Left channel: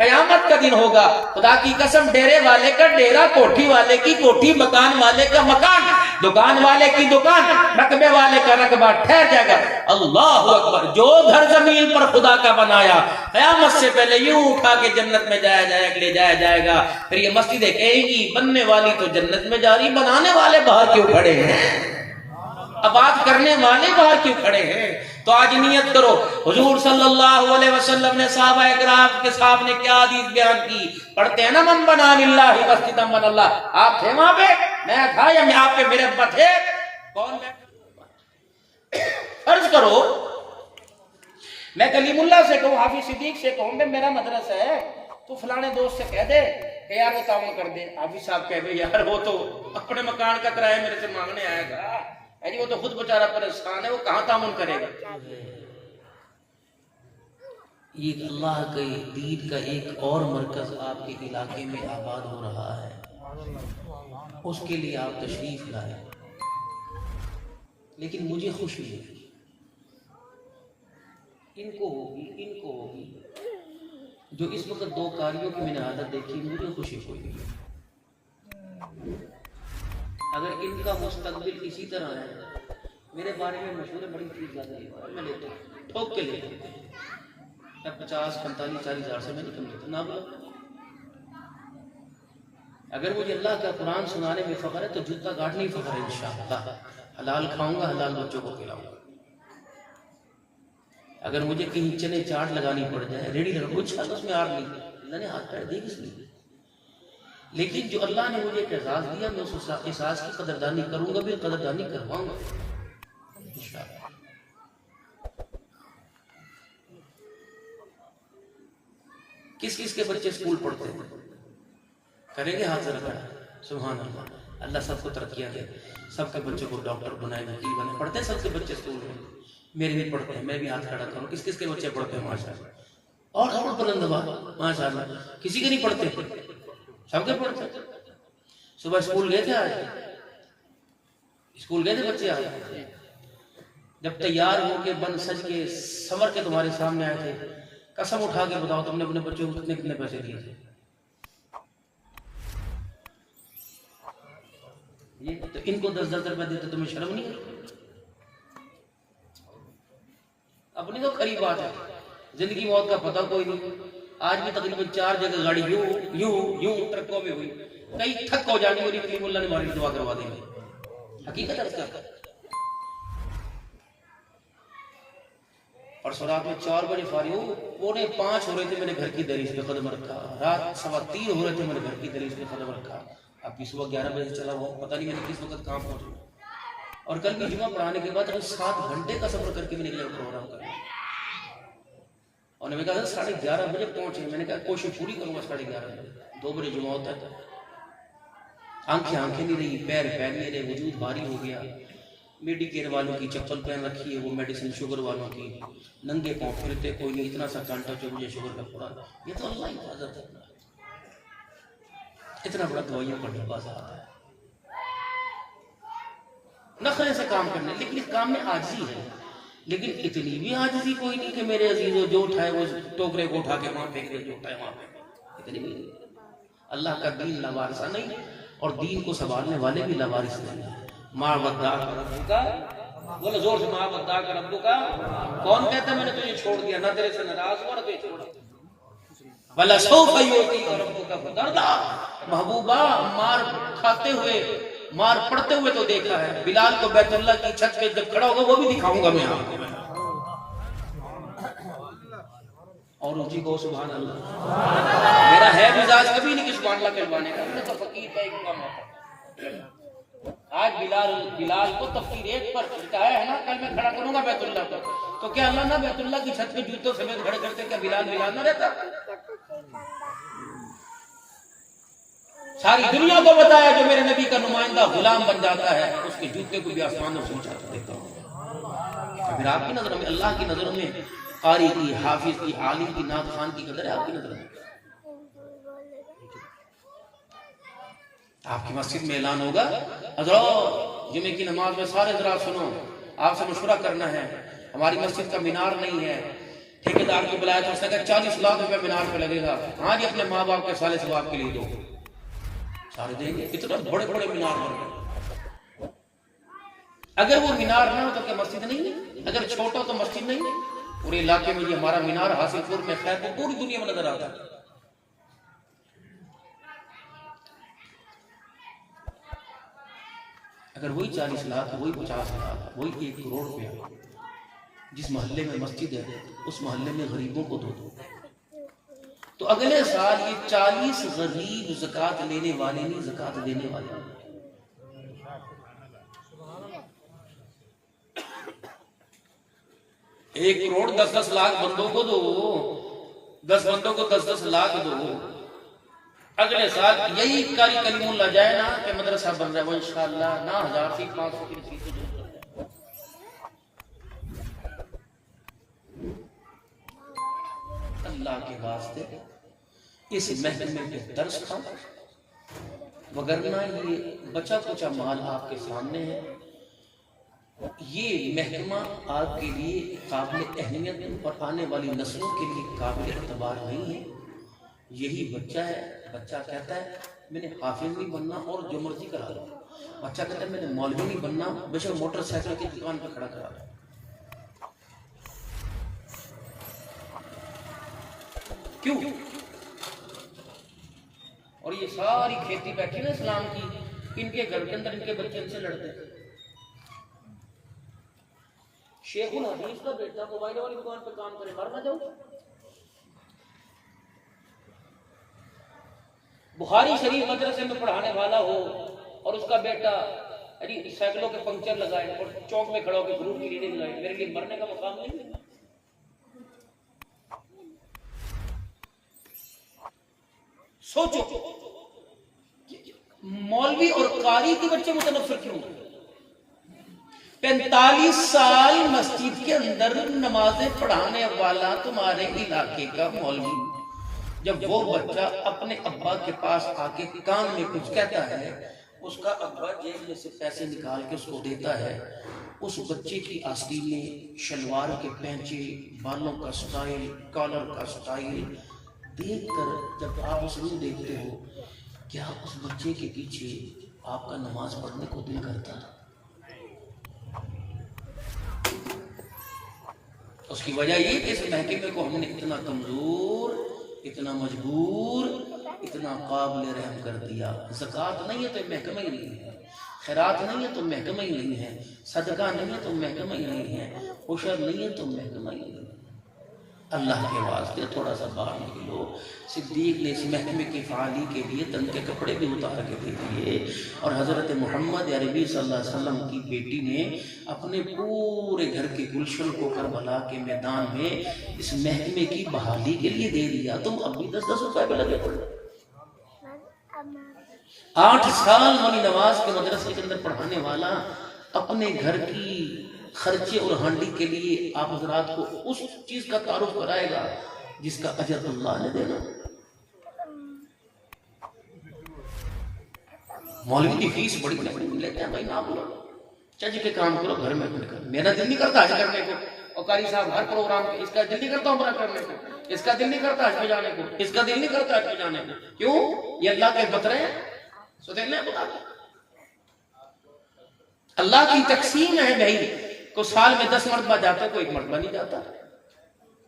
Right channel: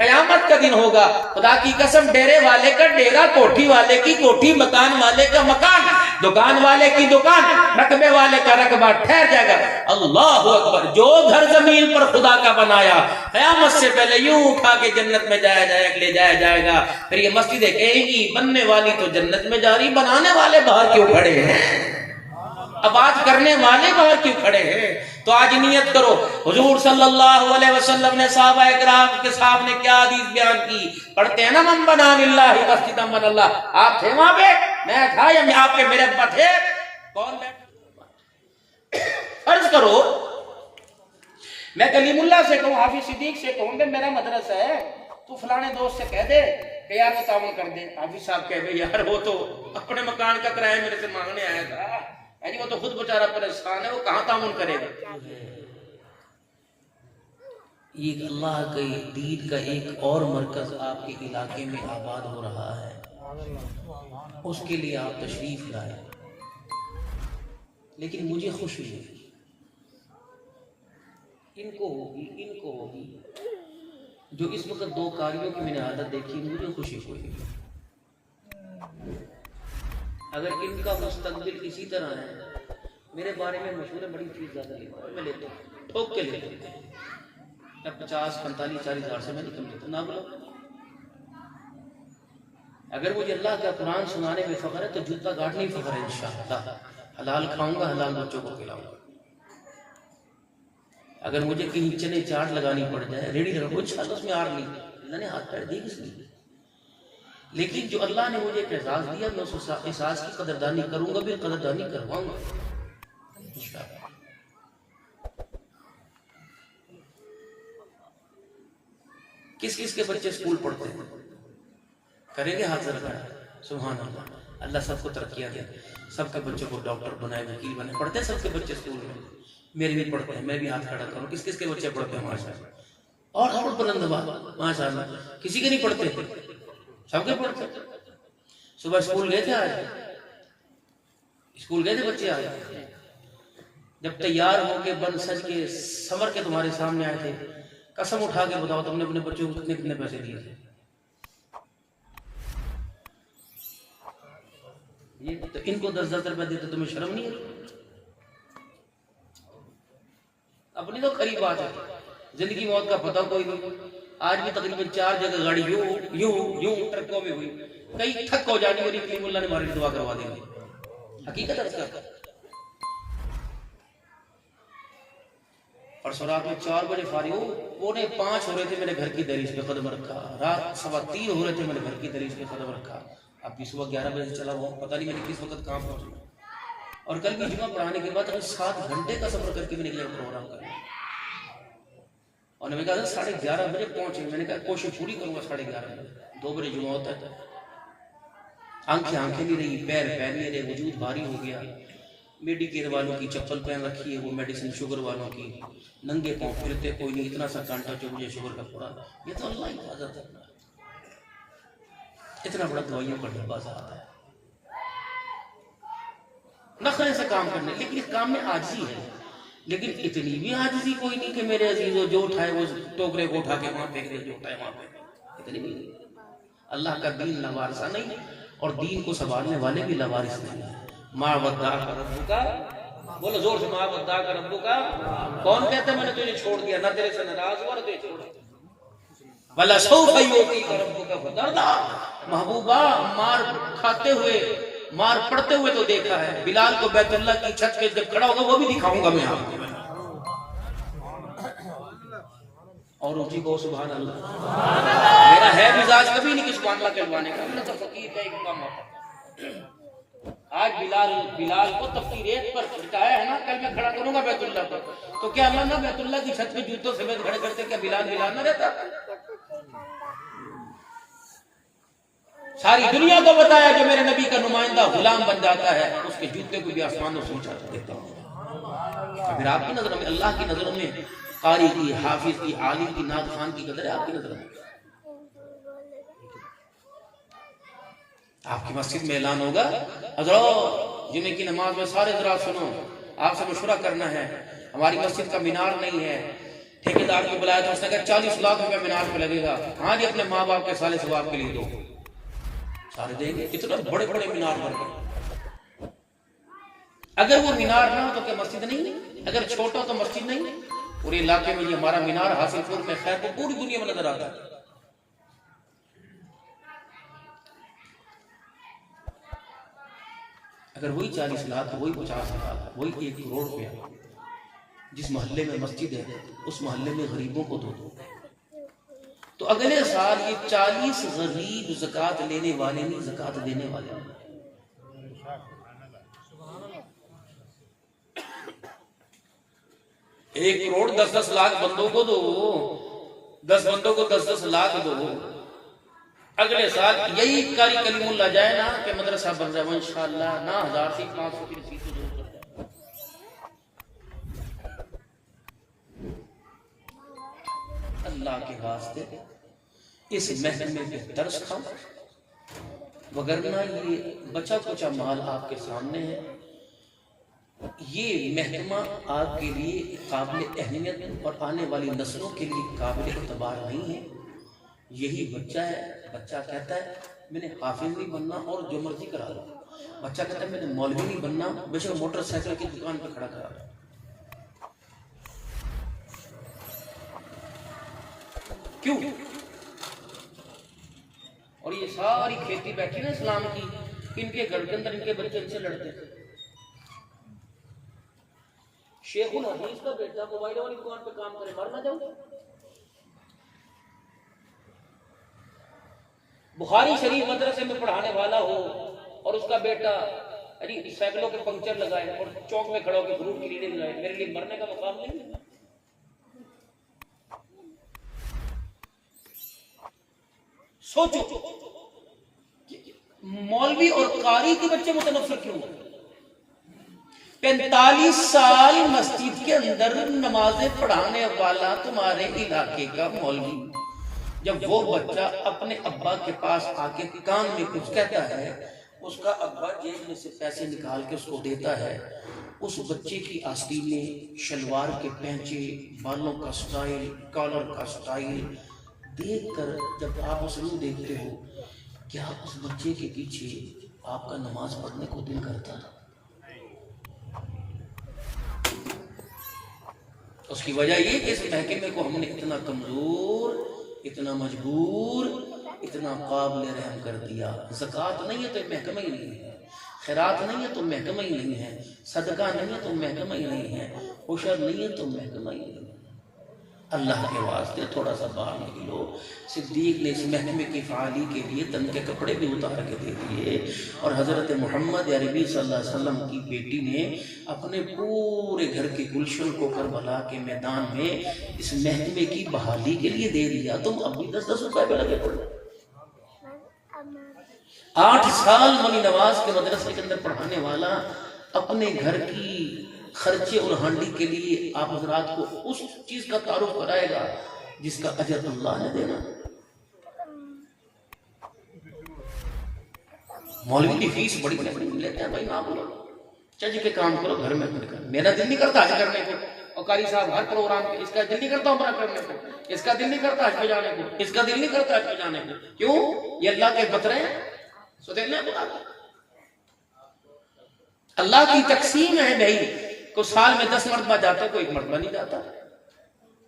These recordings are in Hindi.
कयामत का दिन होगा, खुदा की कसम डेरे वाले का डेरा, कोठी वाले की कोठी, मकान वाले का मकान, दुकान वाले की दुकान, रकबे वाले का रकबा ठहर जाएगा। अल्लाह अकबर। जो घर जमीन पर खुदा का बनाया कयामत से पहले यूं उठा के जन्नत में जाया जाएगा, ले जाया जाएगा। फिर ये मस्जिदें कहेंगी बनने वाली तो जन्नत में जा रही, बनाने वाले बाहर क्यों खड़े हैं, आबाद करने वाले बाहर क्यों खड़े हैं। तो आज नियत करो, हुजूर सल्लल्लाहु अलैहि वसल्लम ने सहाबा इकराम के सामने क्या हदीस बयान की, पढ़ते हैं ना, मन बना लिल्लाहि मस्जिदन बनल्लाह। आप थे वहां पे, मैं था, या मैं आपके मेरे थे, कौन बैठे? फर्ज करो मैं कलीमुल्लाह से कहूं, हाफिज सिद्दीक से कहूं मेरा मदरसा है, तो फलाने दोस्त से कह दे कि यार वो तावन कर दे। हाफिज साहब कह दे यार वो तो अपने मकान का किराया मेरे से मांगने आया था, अरे वो तो खुद बेचारा परेशान है, वो कहां तामुन करेगा। ये अल्लाह के दीन का एक और मरकज आपके इलाके में आबाद हो रहा है, उसके लिए आप तशरीफ लाए। लेकिन मुझे खुशी है, इनको होगी जो इस वक्त दो कारियों की मैंने आदत देखी, मुझे खुशी हुई। अगर इनका मुस्तकबिल इसी तरह है, मेरे बारे में मशहूर बड़ी चीज ज्यादा लेता है, मैं लेता हूँ, ठोक के लेता हूँ, 50, 45, 40 हज़ार से मैं नहीं कम लेता ना बोलो। अगर मुझे अल्लाह का कुरान सुनाने में फख्र है तो जूता काटने में फख्र है इंशाअल्लाह। हलाल खाऊंगा, हलाल बच्चों को खिलाऊंगा। अगर मुझे कहीं चने चाट लगानी पड़ जाए, रेडी लगा, कुछ उसमें आर नहीं, अल्लाह ने हाथ पैर दी किसलिए। लेकिन जो अल्लाह ने मुझे एक एहसास दिया, मैं उस एहसास की कदरदानी करूंगा भी, कदरदानी करवाऊंगा। किस किस के बच्चे स्कूल पढ़ते हैं, करेंगे हाथ रखा है, सुभान अल्लाह। अल्लाह सबको तरक्कियां दे, सबके बच्चों को डॉक्टर बनाए, वकील बनाए। पढ़ते हैं सबके बच्चे स्कूल में, मेरे भी पढ़ते हैं, मैं भी हाथ खड़ा करूँ। किस किस के बच्चे पढ़ते हैं माशाअल्लाह, और बुलंद माशाअल्लाह। किसी के नहीं पढ़ते, सबके पढ़ते। सुबह स्कूल गए थे, आज स्कूल गए थे बच्चे, आज जब तैयार होके बन सज के संवर के तुम्हारे सामने आए थे, कसम उठा के बताओ तुमने अपने बच्चों को कितने कितने पैसे दिए थे? ये तो इनको 10-10 रुपए देते, तुम्हें शर्म नहीं है? अपनी तो खरी बात है, जिंदगी मौत का पता कोई नहीं। आज भी तकरीबन 4 जगह गाड़ी यूं यूं यूं ट्रकों में हुई, कई ठक हो जानी, मेरी कलीमुल्लाह ने हमारी दुआ करवा देंगे। हकीकत है इसका। और रात में 4 बजे फारिग, 4:45 हो रहे थे, मैंने घर की दहलीज पे कदम रखा। रात 3:15 हो रहे थे, मैंने घर की दहलीज पे कदम रखा। अब सुबह 11 बजे चला हुआ, पता नहीं मैंने किस वक्त कहाँ पहुंचा। और कल की जुमा पढ़ाने के बाद 7 घंटे का सफर करके मैंने निकले प्रोग्राम करना। और मैंने कहा 11:30 बजे पहुंचे, मैंने कहा कोशिश पूरी करूंगा 11:30 बजे। 2 बजे जुमा होता है, आंखें नहीं रही, पैर नहीं रहे, वजूद भारी हो गया। मेडिकेयर वालों की चप्पल पहन रखी है, वो मेडिसिन शुगर वालों की, नंगे पांव फिरते, कोई नहीं, इतना सा कांटा जो मुझे शुगर का पड़ा। ये तो अल्लाह की हिफाजत है, इतना बड़ा दवाइयों का डब्बा सा आता है, नखरे से काम करने। लेकिन इस काम में आजिज़ी है, लेकिन इतनी भी आजिज़ी कोई नहीं कि मेरे अजीजों जो उठाए वो टोकरे को उठा के वहां फेंक दे, जो उठाए वहां फेंक। इतनी भी अल्लाह का दीन लवारिसा नहीं, और दीन को संभालने वाले भी लवारिस नहीं है। माँ वद्दा का रब्बू का, बोलो जोर से, माँ वद्दा का रब्बू का। कौन कहता है मैंने तुझे छोड़ दिया, ना तेरे से नाराज हुआ ना तुझे छोड़ दिया। वला सौफा युअतीका रब्बुका फतरदा। महबूबा, मार खाते हुए, मार पड़ते हुए तो देखा है, बिलाल को बैतुल्लाह की छत पे जब खड़ा होगा वो भी दिखाऊंगा मैं आपको। और उसी को सुभान अल्लाह। मेरा है मिजाज कभी नहीं कि सुभान अल्लाह कहलवाने का, मैं तो फकीर है, एक कम होता। आज बिलाल को तफ्तीर एक पर लिटाया है ना, कल मैं खड़ा करूंगा बैतुल्लाह पर, तो क्या अल्लाह ना बैतुल्लाह की छत पे जूतों समेत खड़े करते, क्या बिलाल ना रहता? सारी दुनिया को बताया जो मेरे नबी का नुमाइंदा गुलाम बन जाता है, उसके जूते को भी आसमानों से ऊंचा कर देता हूं। फिर आपकी नजरों में, अल्लाह की नजरों में कारी की, हाफिज की, आलिम की, नात खान की कदर है आपकी नजरों में? आपकी मस्जिद में ऐलान होगा, हज़रात जुमे की नमाज में सारे हज़रात सुनो, आपसे मशवरा करना है, हमारी मस्जिद का मीनार नहीं है, ठेकेदार को बुलाया तो उसने कहा 40 लाख रुपए मीनार पे लगेगा। हाँ जी, अपने माँ बाप के साले सवाब के लिए दो, सारे देंगे। इतना बड़े बड़े मीनार बन गए। अगर वो मीनार ना हो तो क्या मस्जिद नहीं है? अगर छोटा हो तो मस्जिद नहीं है? पूरे इलाके में ये हमारा मीनार हासिलपुर में खैर तो पूरी दुनिया में नजर आता है। अगर वही 40 लाख, वही 50 लाख, वही 1 करोड़ रुपया जिस मोहल्ले में मस्जिद है उस मोहल्ले में गरीबों को दो तो अगले साल ये 40 गरीब ज़कात लेने वाले नहीं, ज़कात देने वाले। 1 करोड़ 10-10 लाख बंदों को दो, 10 बंदों को 10-10 लाख दो। अगले साल यही कारी कलीमुल्लाह जाए ना कि मदरसा बन जाए इंशाअल्लाह ना 1000 से 500 की फीस दे। अल्लाह के वास्ते इस महकमे पे तरस खाओ, वगरना ये बचा कुचा माल आपके सामने है। ये महकमा आपके लिए काबिल अहमियत और आने वाली नस्लों के लिए काबिल एतबार नहीं है। यही बच्चा है, बच्चा कहता है मैंने हाफिज नहीं बनना और जो मर्जी करा लो। बच्चा कहता है मैंने मौलवी नहीं बनना, बेशक मोटरसाइकिल की दुकान पर खड़ा करा लो। क्यों? और ये सारी खेती बैठी ना इस्लाम की, इनके घर के अंदर इनके बच्चे इनसे लड़ते हैं। शेखुल हदीस का बेटा मोबाइल वाली दुकान पे काम करे, मर ना जाओ। बुखारी शरीफ मदरसे में पढ़ाने वाला हो और उसका बेटा अरे साइकिलों के पंक्चर लगाए और चौक में खड़ा होकर फ्रूट की रीडिंग लगाए, मेरे लिए मरने का मुकाम नहीं है। सोचो मौलवी और कारी के बच्चे मुतनफर क्यों? 45 साल मस्जिद के अंदर नमाजें पढ़ाने वाला तुम्हारे इलाके का मौलवी, जब वो बच्चा अपने अब्बा के पास आके कान में कुछ कहता है, उसका अब्बा जेब में से पैसे निकाल के उसको देता है। उस बच्चे की आस्तीन में शलवार के पैंचे, बालों का स्टाइल, कॉलर का स्टाइल देखकर जब आप उसमें देखते हो, क्या उस बच्चे के पीछे आपका नमाज पढ़ने को दिल करता है? उसकी वजह ये कि इस महकमे को हमने इतना कमजोर, इतना मजबूर, इतना काबिल रहम कर दिया। ज़कात नहीं है तो महकमा ही नहीं है, खैरात नहीं है तो महकमा ही नहीं है, सदका नहीं है तो महकमा ही नहीं है, उशर नहीं है तो महकमा ही नहीं है। अल्लाह के वास्ते थोड़ा सा बाहर निकलो। सिद्दीक ने इस महकमे की फ़ाली के लिए तन के कपड़े भी उतार के दे दिए और हज़रत मोहम्मद अरबी सल्लल्लाहु अलैहि वसल्लम की बेटी ने अपने पूरे घर के गुलशन को करबला के मैदान में इस महकमे की बहाली के लिए दे दिया। तुम अब भी 10-10 रुपए पे लगे थे। 8 साल मनी नवाज के मदरसे के अंदर पढ़ाने वाला अपने घर की खर्चे और हांडी के लिए आप हजरात को उस चीज का तारुफ कराएगा जिसका अजर अल्लाह ने देना। मौलवी की फीस बड़ी लेते हैं भाई, ना बोलो चज के काम करो, घर में बैठकर। मेरा दिल नहीं करता हज करने को, और कारी साहब हर प्रोग्राम पे इसका दिल नहीं करता उम्रा करने को, इसका दिल नहीं करता हज पे जाने को, इसका दिल नहीं करता हज पे जाने को। क्यों? ये अल्लाह के बतरे हैं। सो देखने अल्लाह की तकसीम है भाई, को साल में 10 मरतबा जाता है, कोई 1 मरतबा नहीं जाता।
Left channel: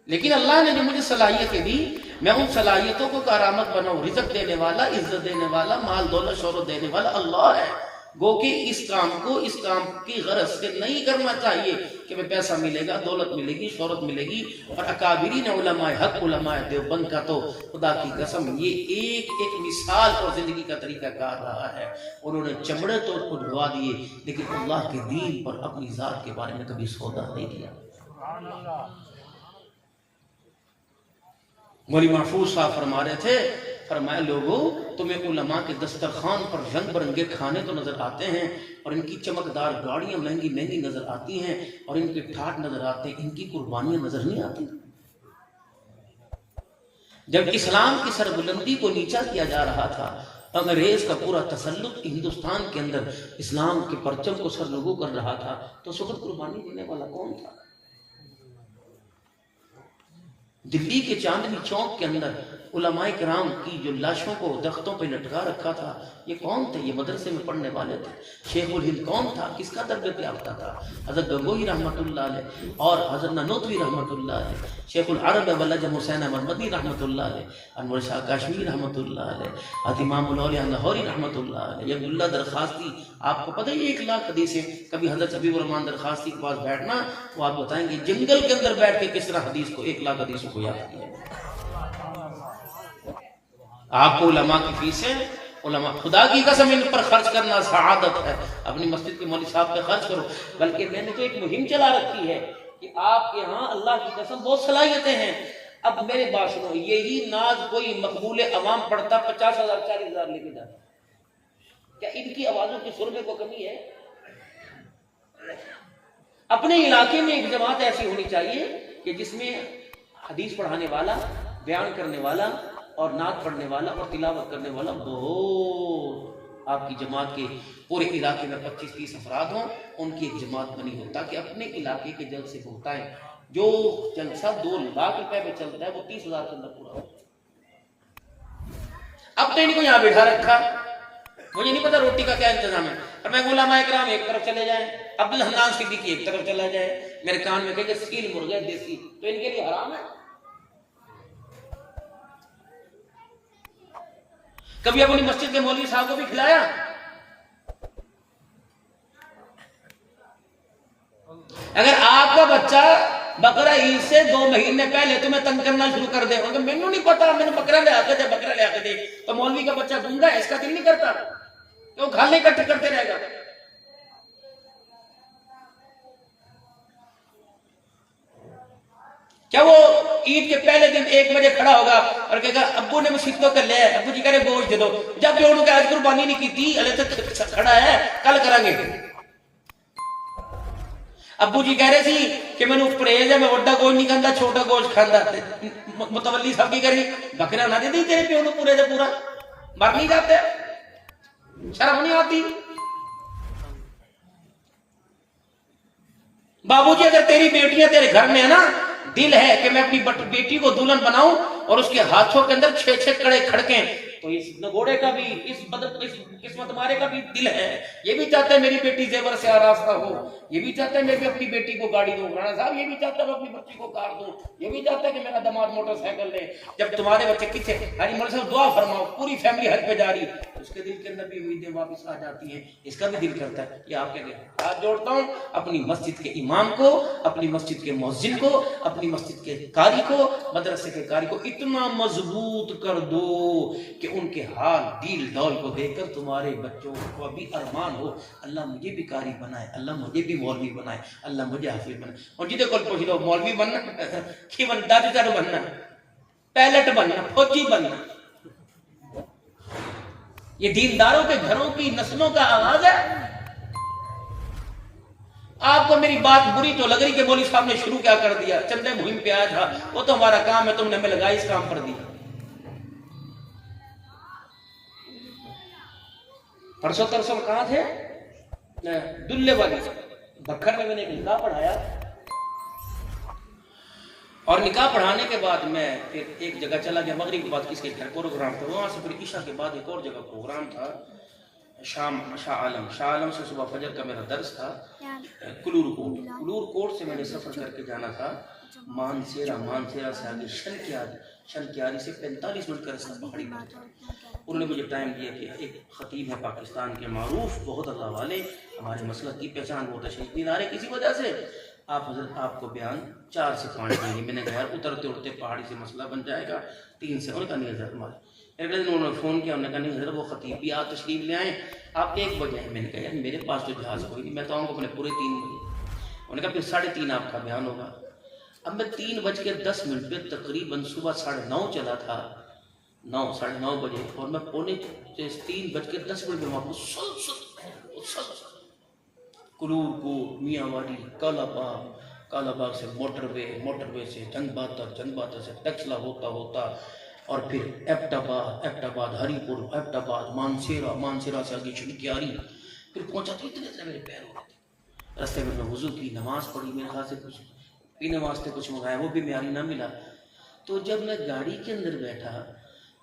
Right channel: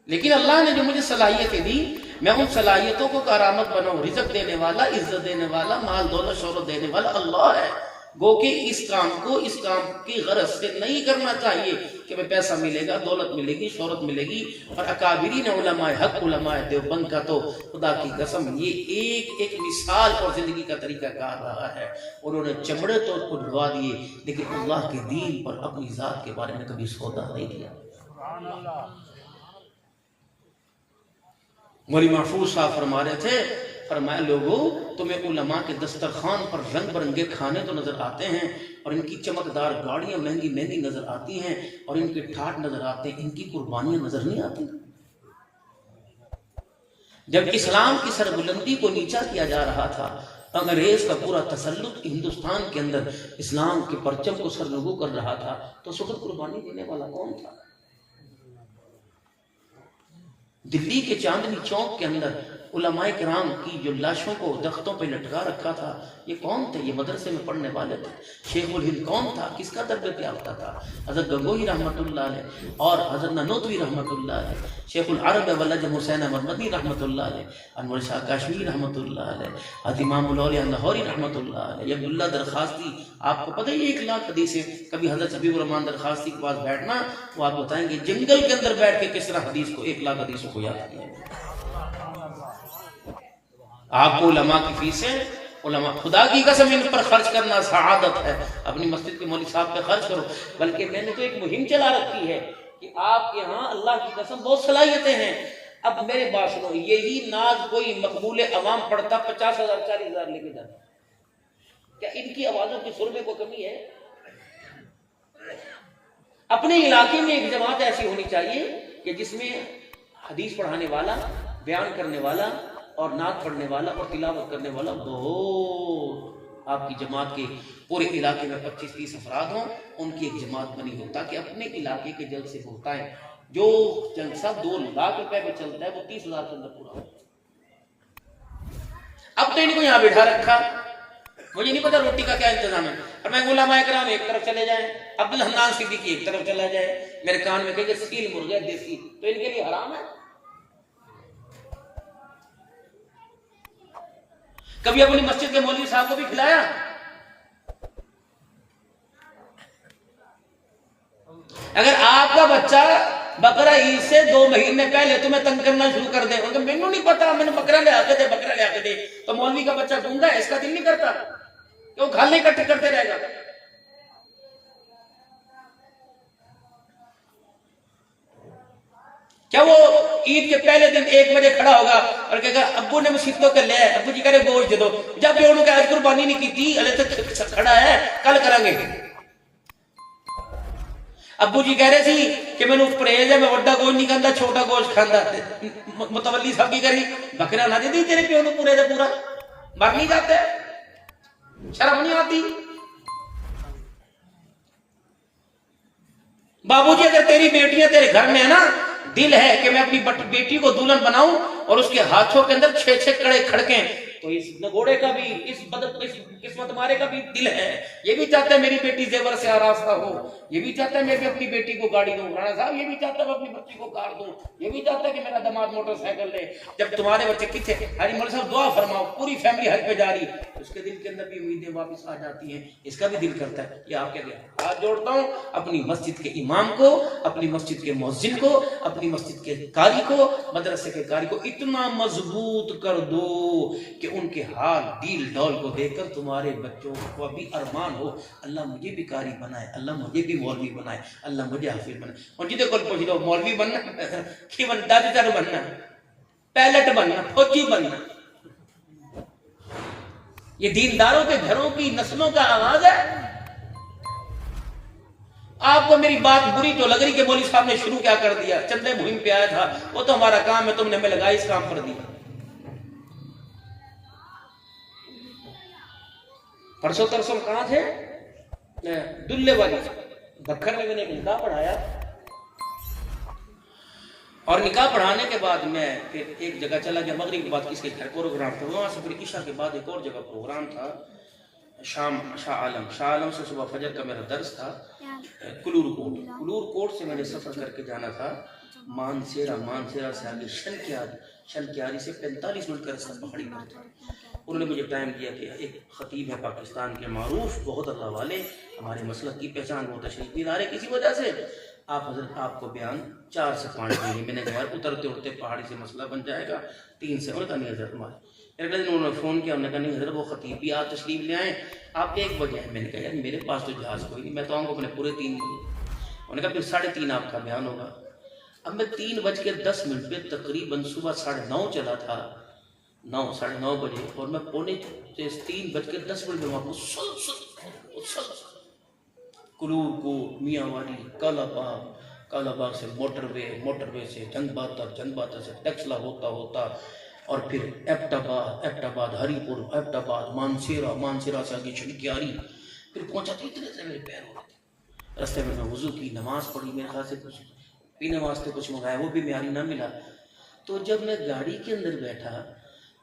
लेकिन अल्लाह ने जो मुझे सलाहियतें दी, मैं उन सलाहियतों को करामत बनाऊं। रिज़्क़ देने वाला, इज्जत देने वाला, माल दौलत शोहरत देने वाला अल्लाह है। गो कि इस काम को इस काम की गरज से नहीं करना चाहिए कि मैं पैसा मिलेगा, दौलत मिलेगी, शोहरत मिलेगी। और अकाबिरीन उलमाए हक, उलमाए देवबंद का तो खुदा की कसम ये एक एक मिसाल और जिंदगी का तरीका कार रहा है। उन्होंने चमड़े तो उड़वा दिए, लेकिन अल्लाह के दीन पर अपनी जात के बारे में कभी सौदा नहीं किया। मौलवी महफूज साहब फरमा रहे थे, फरमाया लोगों तुम्हें उलमा के दस्तरखान पर रंग बिरंगे खाने तो नजर आते हैं और इनकी चमकदार गाड़ियां महंगी महंगी नजर आती हैं और इनके ठाट नजर आते हैं, इनकी कुर्बानियां नजर नहीं आती। जब इस्लाम की सरबुलंदी को नीचा किया जा रहा था, अंग्रेज का पूरा तसल्लुत हिंदुस्तान के अंदर इस्लाम के परचम को सरनगू कर रहा था, तो सुखद कुर्बानी देने वाला कौन था? दिल्ली के चांदनी चौक के अंदर उलमाए किराम की जो लाशों को दरख्तों पे लटका रखा था, ये कौन थे? ये मदरसे में पढ़ने वाले थे। शेखुल हिंद कौन था? किसका तरबियत याफ्ता था? हज़रत गंगोही रहमतुल्लाह अलैह और हज़रत ननोतवी रहमतुल्लाह अलैह, शेखुल अरब वल्लज हुसैन अहमद मदनी रहमतुल्लाह अलैह, अनवर शाह काश्मीरी रहमतुल्लाह अलैह, हज़रत इमामुल औलिया लाहौरी रहमतुल्लाह अलैह, ये अब्दुल्लाह दरखास्ती। आपको पता है 1 लाख हदीसें। कभी हज़रत हबीबुर रहमान दरखास्ती के पास बैठना, वो आप बताएंगे जंगल के अंदर बैठ के किस तरह हदीस को 1 लाख हदीसों को याद किया। आपको उलमा की फीसें, उलमा, खुदा की कसम इन पर खर्च करना सआदत है। अपनी मस्जिद के मौलवी साहब पे खर्च करो। बल्कि मैंने तो एक मुहिम चला रखी है कि आपके यहाँ अल्लाह की कसम बहुत सलाहियतें हैं। अब मेरे बात सुनो, यही नाज कोई मकबूल अवाम पढ़ता 50,000 40,000 लेके जाता, क्या इनकी आवाजों की सुर में कोई कमी है? अपने इलाके में एक जमात ऐसी होनी चाहिए कि जिसमें हदीस पढ़ाने वाला, बयान करने वाला और नात पढ़ने वाला और तिलावत करने वाला बहुत, आपकी जमात के पूरे इलाके में 25-30 अफराद हों, उनकी एक जमात बनी हो, ताकि अपने इलाके के जलसे होता है। जो जलसा 2 लाख रुपए में चलता है वो 30,000 के अंदर पूरा हो। अब तो इनको यहाँ बैठा रखा, मुझे नहीं पता रोटी का क्या इंतजाम है। और मैं उलमा इकराम एक तरफ चले जाए, अब्दुल हन्नान सिद्दीकी एक तरफ चला जाए, मेरे कान में कहे सील मुर्गा देसी, तो इनके लिए हराम है। कभी अपनी मस्जिद के मौलवी साहब को भी खिलाया? अगर आपका बच्चा बकरा ईद से 2 महीने पहले तुम्हें तंग करना शुरू कर दे, तो मैंने नहीं पता, मैंने बकरा ले आके दे, बकरा ले आके दे, तो मौलवी का बच्चा गूंगा है, इसका दिल नहीं करता, तो खाने इकट्ठे करते रहेगा। क्या वो ईद के पहले दिन 1 बजे खड़ा होगा और कहेगा अब्बू ने मस्जिद को कर लिया है, अब्बू जी कह रहे गोश्त दे दो, जब भी उन्होंने आज कुर्बानी नहीं की थी, अरे तक खड़ा है, कल करेंगे। अब्बू जी कह रहे थे कि मैंने परहेज है, मैं वड्डा गोश्त नहीं खाता, छोटा गोश्त खाता। मुतवल्ली साहब की करी बकरा ना दे दी तेरे प्यो ने पूरे से पूरा, मर नहीं जाते, शर्म नहीं आती? बाबूजी अगर तेरी बेटियां तेरे घर में है ना, दिल है कि मैं अपनी बेटी को दुल्हन बनाऊं और उसके हाथों के अंदर 6-6 कड़े खड़के, तो इस नगोड़े का भी, इस किस्मत मारे का भी दिल है। ये भी चाहता है मेरी बेटी जेवर से आरास्ता हो, ये भी चाहता है मैं भी अपनी बेटी को गाड़ी दूं, राणा साहब ये भी चाहता है मैं अपनी बच्ची को कार दूं, ये भी चाहता है कि मेरा दामाद मोटरसाइकिल ले। जब तुम्हारे बच्चे किथे हरी मौलवी साहब दुआ फरमाओ, पूरी फैमिली हज पे जा रही, उसके दिल के अंदर भी उम्मीदें वापस आ जाती हैं। इसका भी दिल करता है कि आपके लिए हाथ जोड़ता हूं, अपनी मस्जिद के इमाम को, अपनी मस्जिद के मुअज्जिन को, अपनी मस्जिद के कारी को, मदरसे के कारी को इतना मजबूत कर दो कि उनके हाल डील डॉल को देखकर तुम्हारे बच्चों को भी अरमान हो, अल्लाह मुझे भी कारी बनाए, अल्लाह मुझे भी मौलवी बनाए, अल्लाह मुझे हाफिज बनाए। और जिदे को पूछ लो मौलवी बनना की बनता बनना, पायलट बनना, फौजी बनना, ये दीनदारों के घरों की नस्लों का आवाज है। आपको मेरी बात बुरी तो लग रही कि मौलवी साहब ने शुरू क्या कर दिया, चंदे मुहिम पे आया था, वो तो हमारा काम है, तुमने हमें लगाया इस काम पर दिया। परसों तरसों कहां थे? दुल्ले वाली बखर में मैंने निकाह पढ़ाया, और निकाह पढ़ाने के बाद मैं फिर एक जगह चला गया, मगरिब के बाद किसके घर प्रोग्राम था, वहां से फिर ईशा के बाद एक और जगह प्रोग्राम था, शाम शाह आलम से सुबह फजर का मेरा दर्स था। कुलूर कोट से मैंने सफर करके जाना था मानसेरा से आगे शनक्यारी से 45 मिनट का रास्ता पहाड़ी पर था। उन्होंने मुझे टाइम दिया कि एक खतीब है पाकिस्तान के मारूफ, बहुत अल्लाह वाले, हमारे मसलक की पहचान बहुत शहीद मीनार है, किसी वजह से आप हजरत आपको बयान 4 से 5 देंगे। मैंने कहा उतरते उड़ते पहाड़ी से मसला बन जाएगा 3 से। उन्होंने कहा नहीं हजरत हमारे, अगले दिन उन्होंने फ़ोन किया, उन्होंने कहा नहीं हजरत वो खतीब भी आप तशरीफ ले आए, आप 1 बजे हैं। मैंने कहा यार मेरे पास तो जहाज़ कोई नहीं, मैं तो आऊँगा अपने पूरे 3 बजे। उन्होंने कहा फिर 3:30 आपका बयान होगा। अब मैं 3:10 पे तकरीबन सुबह 9:30 चला था, 9-9:30 बजे, और मैं 3:10 बजे वहाँ कुलूर को मियांवाड़ी कालाबाग से मोटरवे से जंगबातर से टचला होता और फिर एबटाबाद हरीपुर, एबटाबाद मानसेरा से आगे शनक्यारी, फिर पहुंचा तो इतने से मेरे पैर हो गए थे। रास्ते में मैं वुजू की नमाज पढ़ी, मेरे ख्याल से कुछ पीने वास्ते कुछ मंगाया, वो भी म्यारी ना मिला। तो जब मैं गाड़ी के अंदर बैठा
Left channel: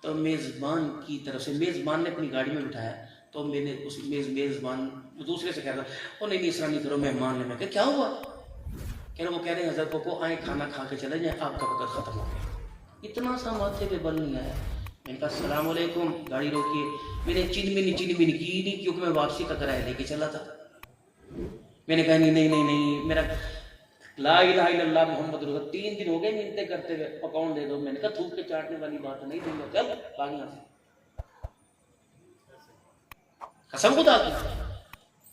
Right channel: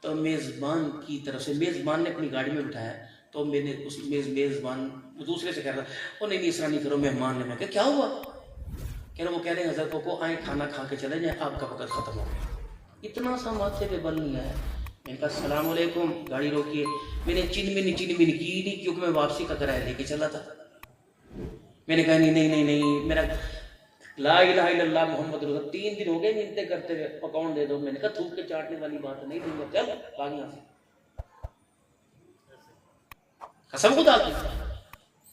तो मेज़बान की तरफ से, मेज़बान ने अपनी गाड़ी में बिठाया, तो मैंने उस मेज़बान दूसरे से कह रहा था, वो नहीं इस तरह नहीं करो, मेहमान ने। मैं कहा क्या हुआ? कह रहे वो कह रहे हैं हज़रत को आए खाना खा के चले जाए, आपका वक्त ख़त्म हो गया। इतना सा माथे पे बल नहीं आया। मैंने कहा अस्सलाम वालेकुम, गाड़ी रोकिए। मैंने चीनी मिनी की नहीं, क्योंकि मैं वापसी का किराया लेके चला था। मैंने कहा नहीं मेरा ला इलाहा इल्लल्लाह मोहम्मद रसूल, 3 दिन हो गए मिन्नतें करते हुए, पकौन दे दो। मैंने कहा थूक के चाटने वाली बात नहीं दूंगा, चल भाग यहाँ से। कसम खुदा की।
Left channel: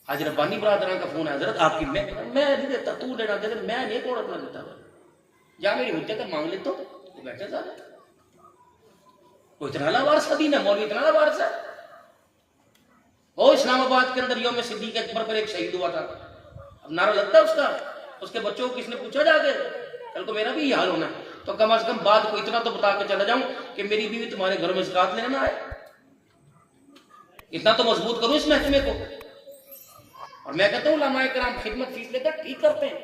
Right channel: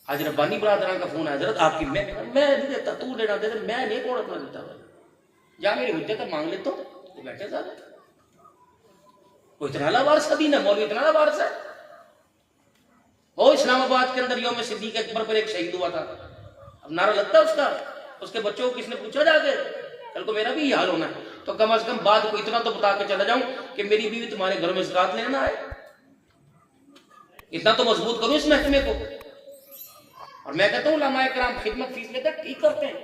आज रब्बानी बरादरान का फोन है, हजरत आपकी। मैं नहीं देता, तू देना दे, मैं नहीं कौन अपना देता भाई, या मेरी हुज्जत मांग ले तो बैठे सारे। वो इतना लावारस दीन है, मौलवी इतना लावारस है। वो इस्लामाबाद के अंदर यौम सिद्दीक अकबर पर एक शहीद हुआ था, अब नारा लगता है उसका, उसके बच्चों को किसने पूछा जाके, कल को मेरा भी यही हाल होना है, तो कम से कम बात को इतना तो बता के चला जाऊं कि मेरी बीवी तुम्हारे घर में ज़कात लेना है। इतना तो मजबूत करो इस महकमे को। और मैं कहता हूँ उलमाए कराम खिदमत फीस लेकर ठीक करते हैं।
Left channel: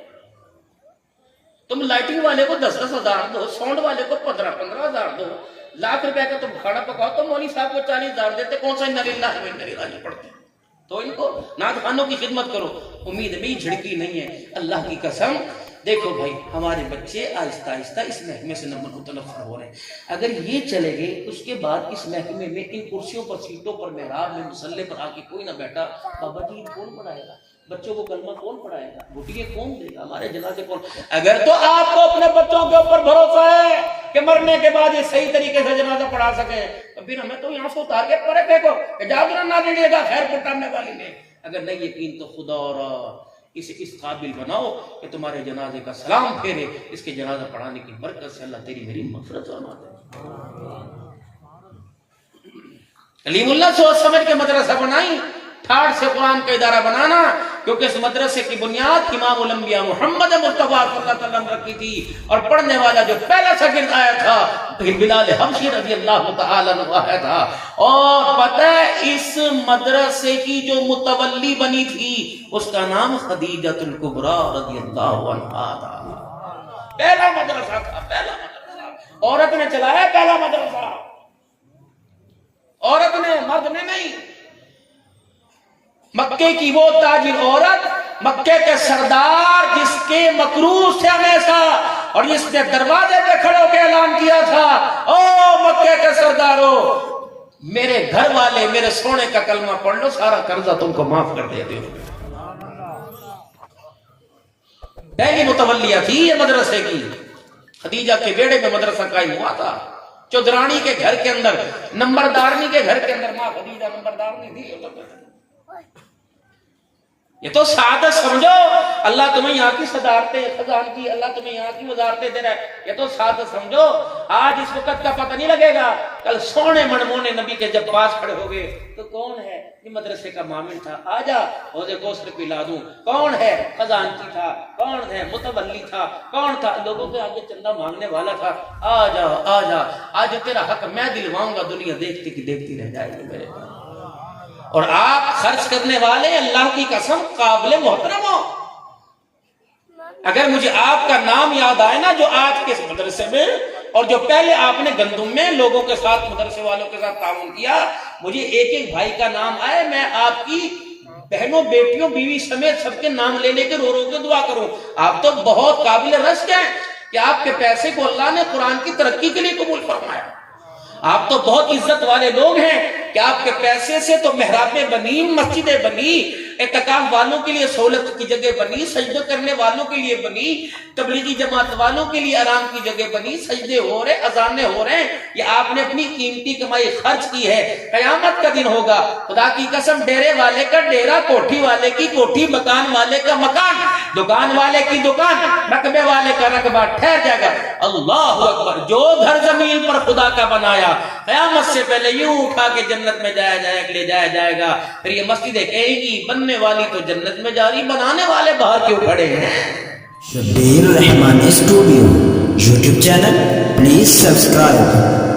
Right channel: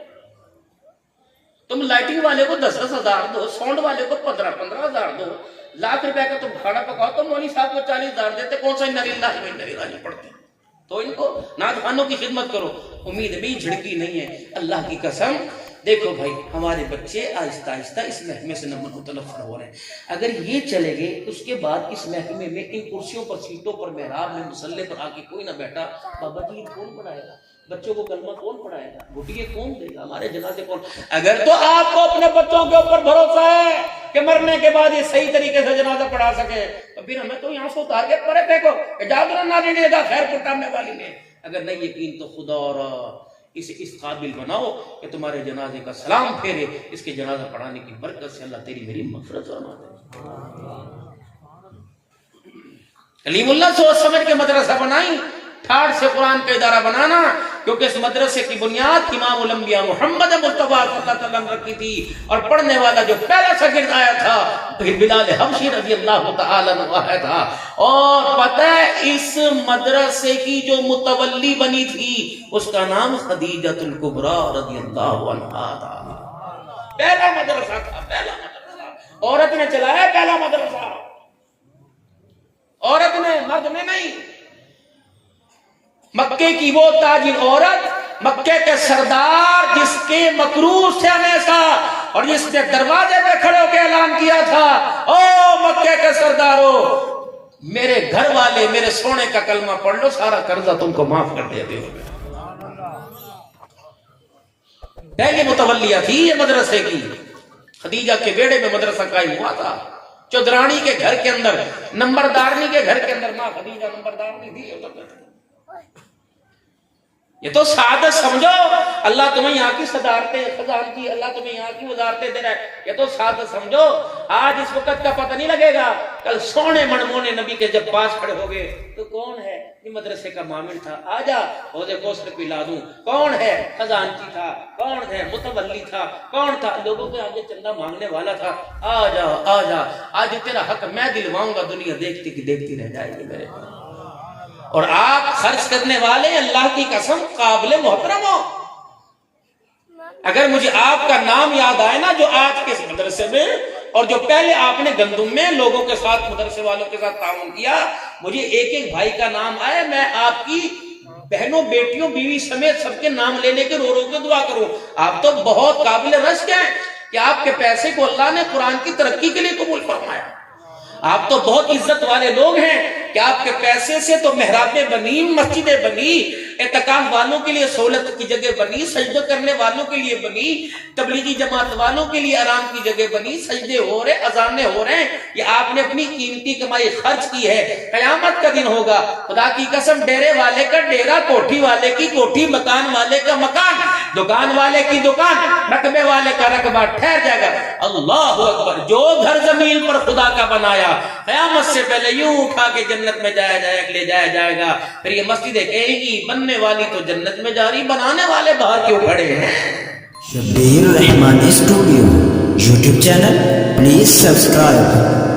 तुम लाइटिंग वाले को 10-10 हजार दो, साउंड वाले को 15-15 हजार दो, लाख रुपए का तुम भाड़ा पकाओ, तो मौलवी साहब को 40 हजार देते, कौन सा इन्ना लिल्लाहि पढ़ते हैं। तो इनको नादखानों की खिदमत करो, उम्मीद भी झिड़की नहीं है। अल्लाह की कसम, देखो भाई हमारे बच्चे आहिस्ता आहिस्ता इस महकमे से मुतनफ़िर हो रहे हैं। अगर ये चले गए, उसके बाद इस महकमे में इन कुर्सियों पर, सीटों पर, मेहराब में, मुसल्ले पर आके कोई ना बैठा, बाबा जी कौन पढ़ाएगा, बच्चों को कलमा कौन पढ़ाएगा, घुटिये कौन देगा, हमारे जनाजे कौन। अगर तो आपको अपने बच्चों के ऊपर भरोसा है कि मरने के बाद ये सही तरीके से जनाजा पढ़ा सके, तो फिर हमें तो यहाँ से उतार के परे फेंको, जादू ना देगा खैर पुटाने वाली ने। अगर नहीं यकीन तो खुदा और इसे इस काबिल बनाओ कि तुम्हारे जनाजे का सलाम फेरे, इसके जनाजा पढ़ाने की बरकत से अल्लाह तेरी मेरी मग़फ़िरत फरमा दे। कलीमुल्लाह सोच समझ के मदरसा बनाई, ठाठ से कुरान का इदारा बनाना, क्योंकि इस मदरसे की बुनियाद इमाम उल अंबिया मोहम्मद मुस्तफा सल्लल्लाहु अलैहि वसल्लम रखी थी। और पढ़ने वाला जो पहला शागिर्द आया था बिलाल हबशी रज़ियल्लाहु तआला अन्हु था। और पता है इस मदरसे की जो मुतवल्ली बनी थी उसका नाम खदीजतुल कुबरा रज़ियल्लाहु अन्हा था। पहला मदरसा था, पहला मदरसा औरत ने चलाया, पहला मदरसा औरत ने, मर्द ने नहीं। मक्के की वो ताजिर औरत, मक्के के सरदार, जिसके मकरूज से हमेशा, और जिसने दरवाजे पे खड़े होकर ऐलान किया था, ओ मक्के के सरदारों, मेरे घर वाले मेरे सोने का कलमा पढ़ लो, सारा कर्जा तुमको माफ कर देते हैं। पहली मुतवल्लिया थी ये मदरसे की। खदीजा के बेड़े में मदरसा कायम हुआ था, चौधरानी के घर के अंदर, नंबरदारनी के घर के अंदर। माँ खदीजा नंबरदारनी थी। ये तो सादत समझो, अल्लाह तुम्हें यहाँ की सदारतें खजानती, अल्लाह तुम्हें यहाँ की वजारतें दे रहा है, ये तो सादत समझो। आज इस वक्त का पता नहीं लगेगा, कल सोने मनमोने नबी के जब पास खड़े हो गए तो कौन है, ये मदरसे का मामिल था, आजा रोज़े कौसर पिला दूं। कौन है, खजानती था। कौन है, मुतवल्ली था। कौन था, लोगों के आगे चंदा मांगने वाला था। आजा आजा, आज तेरा हक मैं दिलवाऊंगा, दुनिया देखती की देखती रह जाएगी मेरे पास। और आप खर्च करने वाले, अल्लाह की कसम काबिल मोहतरम हो। अगर मुझे आपका नाम याद आए ना, जो आज के इस मदरसे में, और जो पहले आपने गंदुम में लोगों के साथ, मदरसे वालों के साथ ताउन किया, मुझे एक एक भाई का नाम आए, मैं आपकी बहनों, बेटियों, बीवी समेत सबके नाम लेने के रो रो के दुआ करूं। आप तो बहुत काबिल रश्क हैं कि आपके पैसे को अल्लाह ने कुरान की तरक्की के लिए कबूल फरमाया। आप तो बहुत इज्जत वाले लोग हैं कि आपके पैसे से तो मेहराबें बनी, मस्जिदें बनी, एतकाफ वालों के लिए सहूलत की जगह बनी, सजदे करने वालों के लिए बनी, तबलीगी जमात वालों के लिए आराम की जगह बनी, सजदे हो रहे, अजाने हो रहे हैं। ये आपने अपनी कीमती कमाई खर्च की है। कयामत का दिन होगा, खुदा की कसम, डेरे वाले का डेरा, कोठी वाले की कोठी, मकान वाले का मकान, दुकान वाले की दुकान, रकबे वाले का रकबा ठहर जाएगा। अल्लाह अकबर। जो घर जमीन पर खुदा का बनाया, कयामत से पहले यूं उठा के जन्नत में जाया जाएगा, ले जाया जाएगा। फिर ये मस्जिदें कहेगी, बनने वाली तो जन्नत में जा रही, बनाने वाले बाहर क्यों खड़े हैं। Shabbir Rahman studio YouTube channel, please subscribe.